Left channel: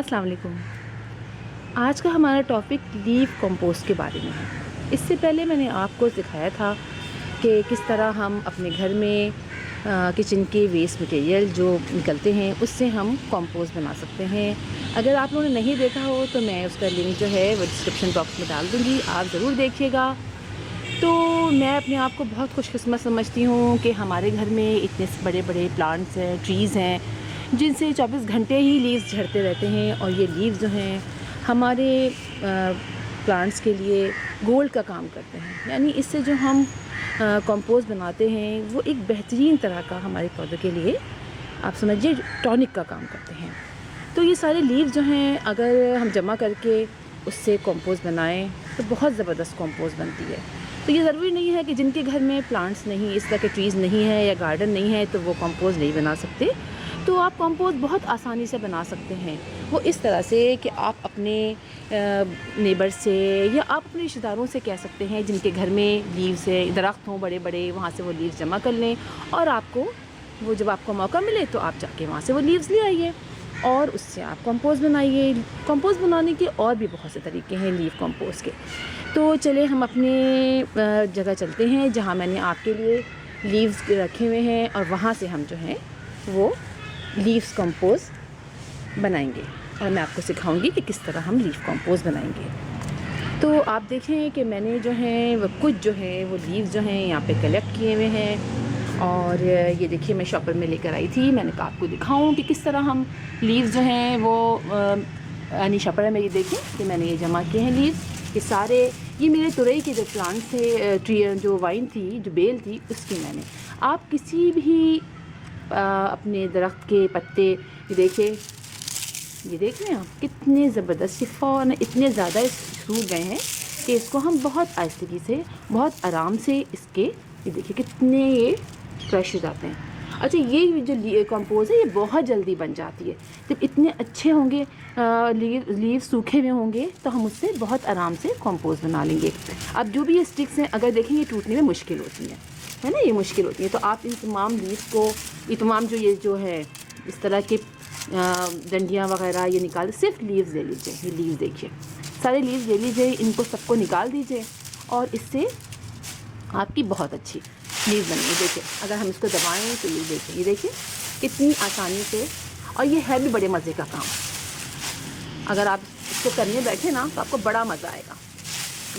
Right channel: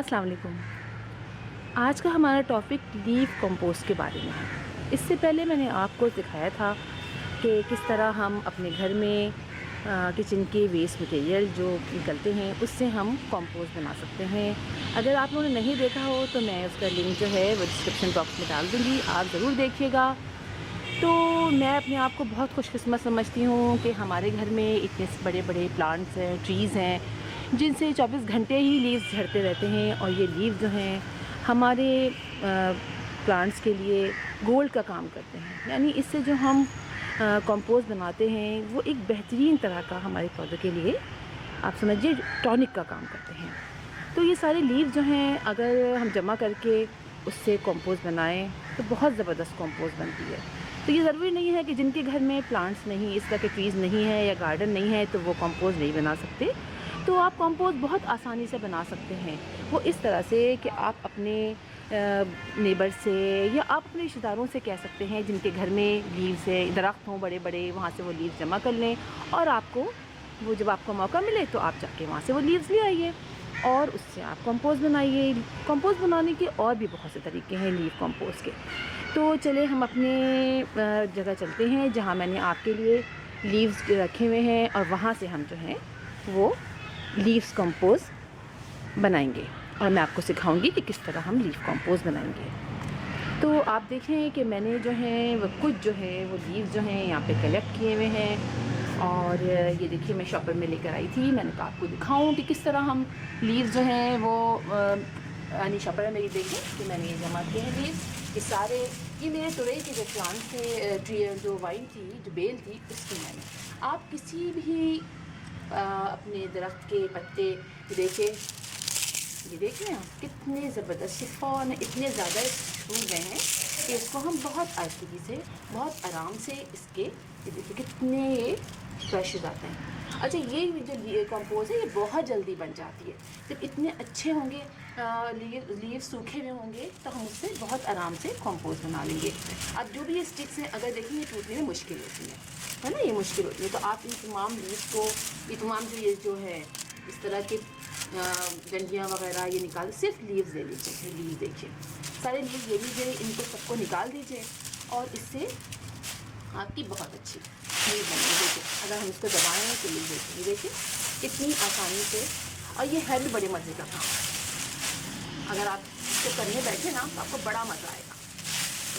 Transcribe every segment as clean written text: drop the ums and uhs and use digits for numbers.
अस्सलाम वालेकुम। आज का हमारा टॉपिक लीव कंपोस्ट के बारे में है। इससे पहले मैंने आपको दिखाया था कि किस तरह हम अपने घर में किचन के वेस्ट मटेरियल जो निकलते हैं उससे हम कंपोस्ट बना सकते हैं। अगर आप लोगों ने नहीं देखा हो तो मैं उसका लिंक जो है वो डिस्क्रिप्शन बॉक्स में डाल दूँगी, आप ज़रूर देखिएगा। तो मैं अपने आप को बहुत खुशकिस्मत समझती हूँ कि हमारे घर में इतने बड़े बड़े प्लांट्स हैं, ट्रीज़ हैं, जिनसे 24 घंटे ही लीव्स झड़ते रहते हैं और ये लीव्स जो हैं हमारे प्लांट्स के लिए गोल्ड का काम करते हैं। यानी इससे जो हम कंपोस्ट बनाते हैं वो एक बेहतरीन तरह का हमारे पौधों के लिए आप समझिए टॉनिक का काम करते हैं। तो ये सारे लीव्स जो हैं अगर हम जमा करके उससे कंपोस्ट बनाएं तो बहुत ज़बरदस्त कंपोस्ट बनती है। तो ये ज़रूरी नहीं है कि जिनके घर में प्लांट्स नहीं, इस तरह के ट्रीज़ नहीं है या गार्डन नहीं है तो वो कंपोस्ट नहीं बना सकते। तो आप कंपोस्ट बहुत आसानी से बना सकते हैं। वो इस तरह से कि आप अपने नेबर से या आप अपने रिश्तेदारों से कह सकते हैं जिनके घर में लीव्स है, दरख्त हों बड़े बड़े, वहाँ से वो लीव्स जमा कर लें और आपको वो जब आपको मौका मिले तो आप जाके वहाँ से वो लीव्स ले आइए और उससे आप कंपोस्ट बनाइए। कंपोस्ट बनाने के और भी बहुत से तरीके हैं लीव कंपोस्ट के। तो चले हम अपने जगह चलते हैं जहाँ मैंने आपके लिए लीव्स रखे हुए हैं और वहाँ से हम जो हैं वो लीव्स कंपोस्ट बनाएंगे और मैं आपको सिखाऊंगी कि किस तरह हम लीव कंपोस्ट बनाएंगे। तो आप देखें कि मैंने जो है वो कुछ जो है वो लीव्स जो हैं यहाँ पे कलेक्ट किए हुए हैं और ये देखिए मैं शॉपर में लेकर आई थी। मैंने कहा आपको दिखाऊं कि किस तरह हम लीव्स जो हैं वो यानी शॉपर में ये देखें कि मैंने ये जमा किए हैं लीव्स। ये सारे ये मेरे तुरई के जो प्लांट थे, ट्री जो वाइन थी, जो बेल थी, उसकी मैंने आप किसी भी अपने दरख्त के पत्ते ये देखें आप कितने ज़बरदस्त शिफॉन इतने ज़्यादा छूट गए हैं कि इसको हम बहुत आहिस्तगी से बहुत आराम से इसके ये देखिए कितने ये फ्रेश हो जाते हैं। अच्छा, ये जो कंपोस्ट है ये बहुत जल्दी बन जाती है। जब इतने अच्छे होंगे लीव सूखे हुए होंगे तो हम उससे बहुत आराम से कंपोस्ट बना लेंगे। अब जो भी ये स्टिक्स हैं अगर देखें ये टूटने में मुश्किल होती है ना, ये मुश्किल होती है। तो आप इन तमाम लीव्स को ये तमाम जो है इस तरह के डंडियाँ वगैरह ये निकाल सिर्फ लीव्स ले लीजिए। ये लीव्स देखिए, सारे लीव्स ले लीजिए, इनको सबको निकाल दीजिए और इससे आपकी बहुत अच्छी लीव बनेगी। देखिए अगर हम इसको दबाएं तो ये देखिए कितनी आसानी से, और ये है भी बड़े मज़े का काम। अगर आप इसको करने बैठे ना तो आपको बड़ा मज़ा आएगा।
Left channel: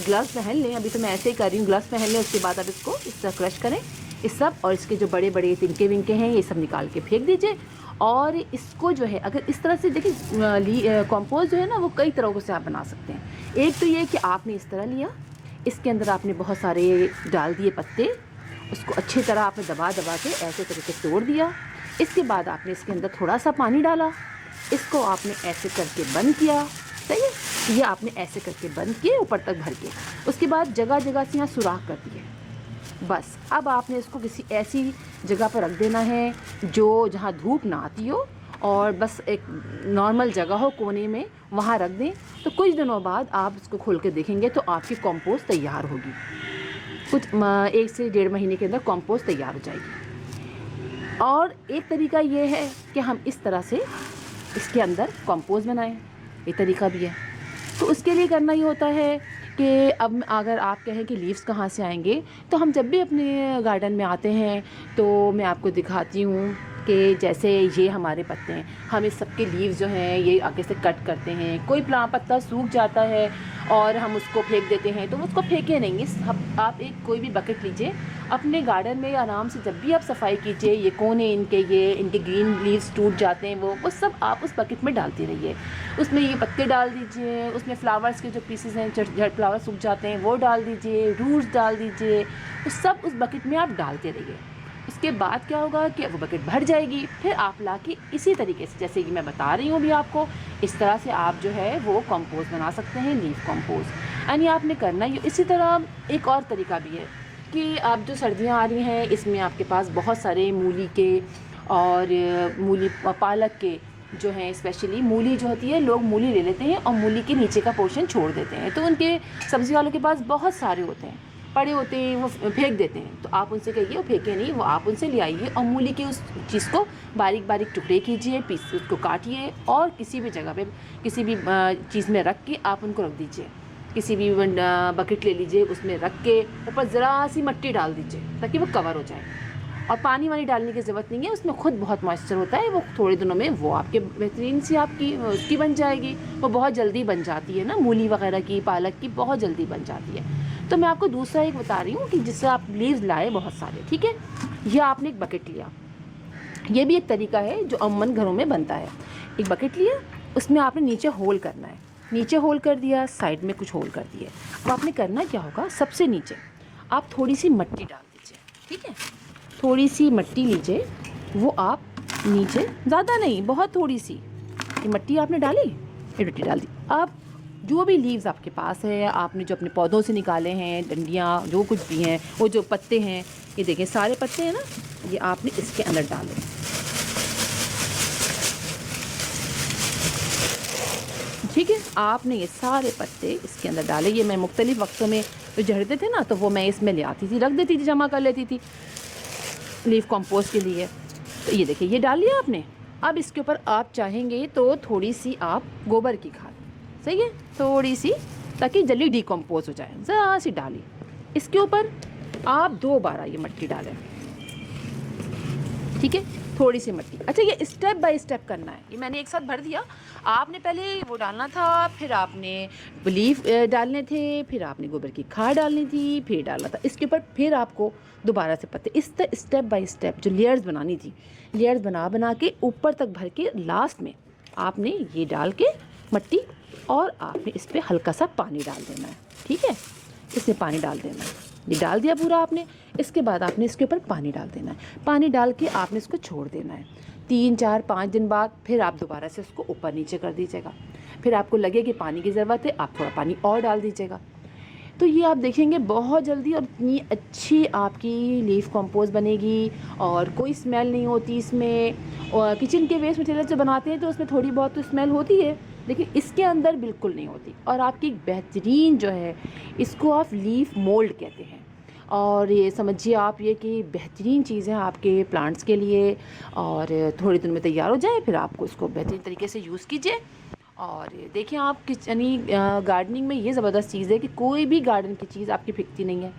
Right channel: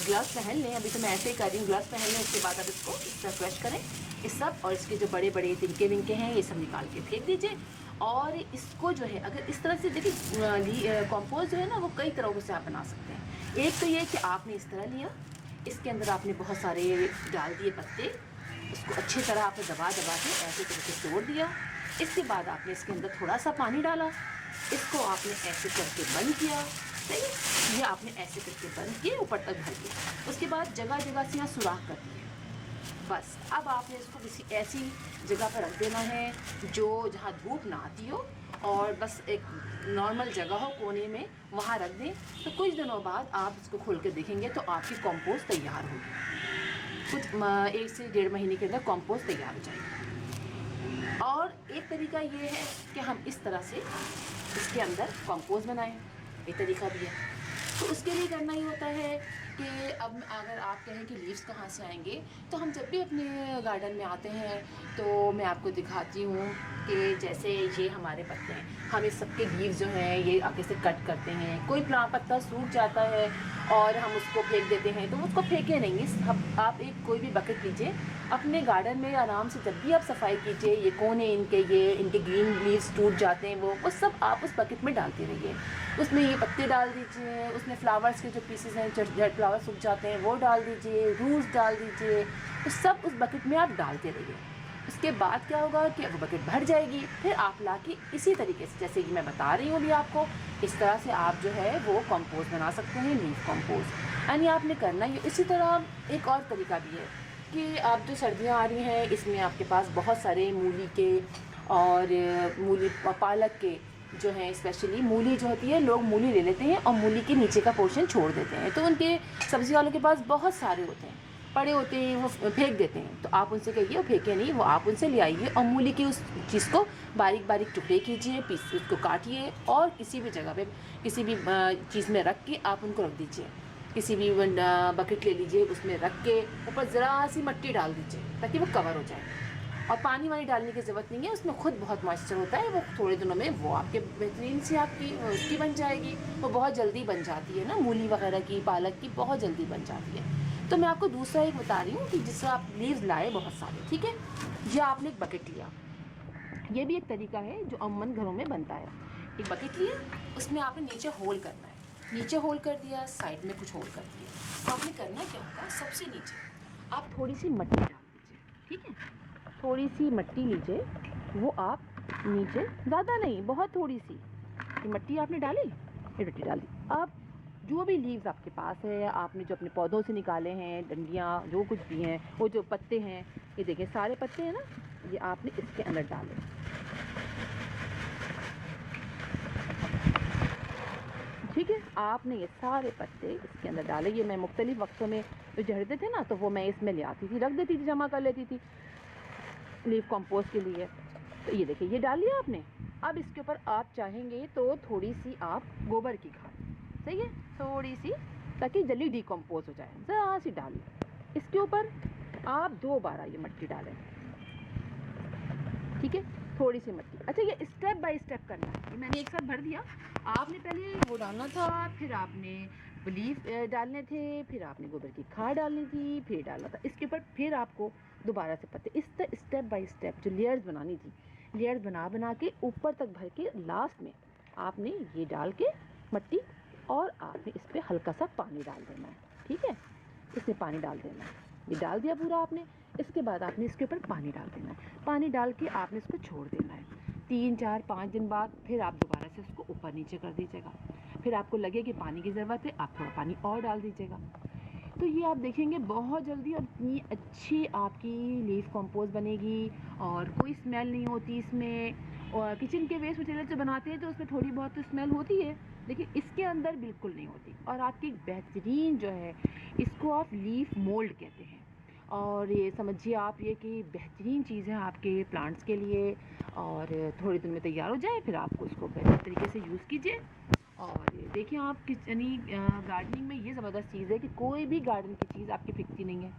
ग्लव्स पहन लें, अभी तो मैं ऐसे ही कर रही हूँ, ग्लव्स पहन लें, उसके बाद आप इसको इस तरह क्रश करें इस सब, और इसके जो बड़े बड़े तिनके विनके हैं ये सब निकाल के फेंक दीजिए। और इसको जो है अगर इस तरह से देखिए कंपोस्ट जो है ना वो कई तरीक़ों से आप बना सकते हैं। एक तो ये कि आपने इस तरह लिया, इसके अंदर आपने बहुत सारे डाल दिए पत्ते, उसको अच्छी तरह आपने दबा के ऐसे तरीके से तोड़ दिया। इसके बाद आपने इसके अंदर थोड़ा सा पानी डाला, इसको आपने ऐसे करके बंद किया, सही है, ये आपने ऐसे करके बंद किए ऊपर तक भर के। उसके बाद जगह जगह से यहाँ सुराख कर दिए। बस अब आपने इसको किसी ऐसी जगह पर रख देना है जो जहाँ धूप ना आती हो और बस एक नॉर्मल जगह हो कोने में, वहाँ रख दें। तो कुछ दिनों बाद आप इसको खोल के देखेंगे तो आपकी कंपोस्ट तैयार होगी। कुछ 1 से 1.5 महीने के अंदर कंपोस्ट तैयार हो जाएगी। और एक तरीका ये है कि हम इस तरह से इसके अंदर कंपोस्ट बनाएं, एक तरीका भी है। तो उसके लिए करना ही होता है कि अब अगर आप कहें कि लीव्स कहाँ से आएंगे, तो हम जब भी अपने गार्डन में आते हैं तो मैं आपको दिखाती हूँ कि जैसे ये हमारे पत्ते हैं, हम इस सब के लीव्स जो हैं ये आगे से कट करते हैं। कोई पत्ता सूख जाता है और हम उसको फेंक देते हैं, तो उसको फेंके नहीं। आप एक कोई भी बकेट लीजिए, अपने गार्डन में आराम से जब भी आप सफाई कीजिए, ये कोने इनके ग्रीन लीव्स टूट जाते हैं वो सब आप उस बकेट में डालते रहिए। उसमें ये पत्ते डाल दीजिए, उसमें फ्लावर्स के जो पीसेस हैं, जड़ फ्लावर सूख जाते हैं वो डाल दीजिए, रूट्स डाल दीजिए, तो सब उस बकेट में आप डालते रहिए। उसके बाद क्या होगा कि वो बकेट भर जाएगी, फिर आप लाके इसी तरीके से जैसे कि मैं बता रही हूँ अभी आपको, इस तरह से आप जो है वो कंपोस्ट बना सकते हैं, लीव कंपोस्ट। यानी आपने करना ही। इसी तरह एक और तरीका भी है कि अब जो सर्दियाँ आ रही हैं इसमें आपके पास बहुत सारे मूली के और पालक के जो हैं, स्पेशली मूली जो होती है, लोग मूली ले लेते हैं और मूली के नीचे का पोर्शन छोड़ देते हैं, तो उनके सब्ज़ी वालों के पास बहुत सारे होते हैं। पड़े होते हैं वो फेंक देते हैं, तो आप उनसे कहिए वो फेंके नहीं, वो आप उनसे ले आइए और मूली की उस चीज़ को बारीक बारीक टुकड़े कीजिए, पीस उसको काटिए और किसी भी जगह पे किसी भी चीज़ में रख के आप उनको रख दीजिए। किसी भी बकेट ले लीजिए, उसमें रख के ऊपर ज़रा सी मिट्टी डाल दीजिए ताकि वो कवर हो जाए। और पानी वानी डालने की ज़रूरत नहीं है, उसमें खुद बहुत मॉइस्चर होता है, वो थोड़े दिनों में वो आपके बेहतरीन सी आपकी उसकी बन जाएगी। वो बहुत जल्दी बन जाती है ना, मूली वगैरह की, पालक की बहुत जल्दी बन जाती है। तो मैं आपको दूसरा एक बता रही हूँ कि जिससे आप लीव्स लाए बहुत सारे, ठीक है। यह आपने एक बकेट लिया, ये भी एक तरीका है जो अमूमन घरों में बनता है। एक बकेट लिया, उसमें आपने नीचे होल करना है, नीचे होल कर दिया, साइड में कुछ होल कर दिए। तो आपने करना क्या होगा, सबसे नीचे आप थोड़ी सी मिट्टी डाल दीजिए, ठीक है। थोड़ी सी मिट्टी लीजिए, वो आप नीचे, ज़्यादा नहीं, बहुत थोड़ी सी ये मिट्टी आपने डाली, ये मिट्टी डाल दी। आप जो भी लीव्स आपके पास है, आपने जो अपने पौधों से निकाले हैं, डंडियाँ जो कुछ भी हैं, वो जो पत्ते हैं, ये देखें सारे पत्ते हैं ना, ये आपने इसके अंदर डाले, ठीक है। आपने ये सारे पत्ते इसके अंदर डाले। ये मैं मुख्तलिफ वक्तों में जो झड़ते थे ना, तो वो मैं इसमें ले आती थी, रख देती थी, जमा कर लेती थी लीफ कंपोस्ट के लिए। तो ये देखिए, ये डाल लिया आपने। अब इसके ऊपर आप चाहेंगे तो थोड़ी सी आप गोबर की खाद, सही है, थोड़ी सी, ताकि जल्दी डिकम्पोज हो जाए, ज़रा सी डाली। इसके ऊपर आप 2 बार ये मिट्टी डालें, ठीक है, थोड़ी सी मिट्टी। अच्छा, ये स्टेप बाय स्टेप करना है, ये मैंने एक साथ भर दिया। आपने पहले वो डालना था, फिर आपने लीफ डालने थे, फिर आपने गोबर की खाद डालनी थी, फिर डालना था इसके ऊपर, फिर आपको दोबारा से पत्ते, इस तरह स्टेप बाय स्टेप जो लेयर्स बनानी थी, लेयर्स बना बना के ऊपर तक भर के लास्ट में आपने ये डाल के मिट्टी, और आपने इस पर हल्का सा पानी डाल देना है, ठीक है। इसमें पानी डाल देना है, ये डाल दिया पूरा आपने। इसके बाद आपने इसके ऊपर पानी डाल देना है, पानी डाल के आपने इसको छोड़ देना है। 3 4 5 दिन बाद फिर आप दोबारा से उसको ऊपर नीचे कर दीजिएगा। फिर आपको लगे कि पानी की ज़रूरत है, आप थोड़ा पानी और डाल दीजिएगा। तो ये आप देखेंगे बहुत जल्दी और इतनी अच्छी आपकी लीफ कंपोस्ट बनेगी, और कोई स्मेल नहीं होती इसमें। और किचन के वेस्ट मटेरियल से बनाते हैं तो उसमें थोड़ी बहुत तो स्मेल होती है, लेकिन इसके अंदर बिल्कुल नहीं होती। और आपकी एक बेहतरीन जो है, इसको आप लीफ मोल्ड कहते हैं, और ये समझिए आप ये कि बेहतरीन चीज़ है आपके प्लांट्स के लिए। और थोड़े दिन में तैयार हो जाए, फिर आपको इसको बेहतरीन तरीके से यूज़ कीजिए। और देखिए, आप यानी गार्डनिंग में ये ज़बरदस्त चीज़ है कि कोई भी गार्डन की चीज़ आपकी फिकती नहीं है।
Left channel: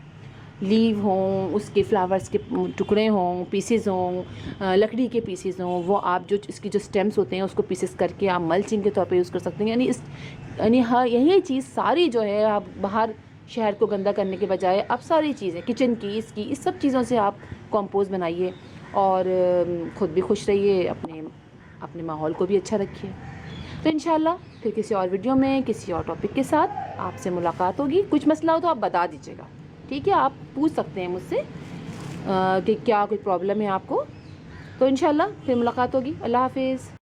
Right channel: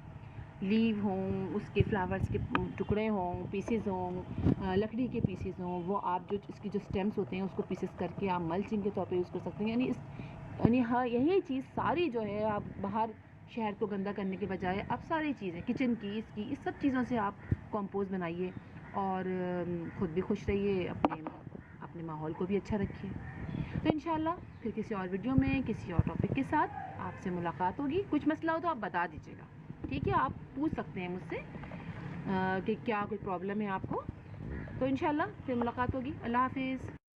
लीव हों, उसके फ्लावर्स के टुकड़े हों, पीसेस हों, लकड़ी के पीसेस हों, वो आप जो इसकी जो स्टेम्स होते हैं उसको पीसेस करके आप मल्चिंग के तौर पे यूज़ कर सकते हैं। यानी हाँ, यही चीज़ सारी जो है, आप बाहर शहर को गंदा करने के बजाय आप सारी चीज़ें किचन की, इसकी, इस सब चीज़ों से आप कंपोस्ट बनाइए, और ख़ुद भी खुश रहिए, अपने माहौल को भी अच्छा रखिए। तो इंशाल्लाह फिर किसी और वीडियो में किसी और टॉपिक के साथ आपसे मुलाकात होगी। कुछ मसला हो तो आप बता दीजिएगा, ठीक है, आप पूछ सकते हैं मुझसे कि क्या कोई प्रॉब्लम है आपको। तो इंशाल्लाह फिर मुलाकात होगी। अल्लाह हाफिज़।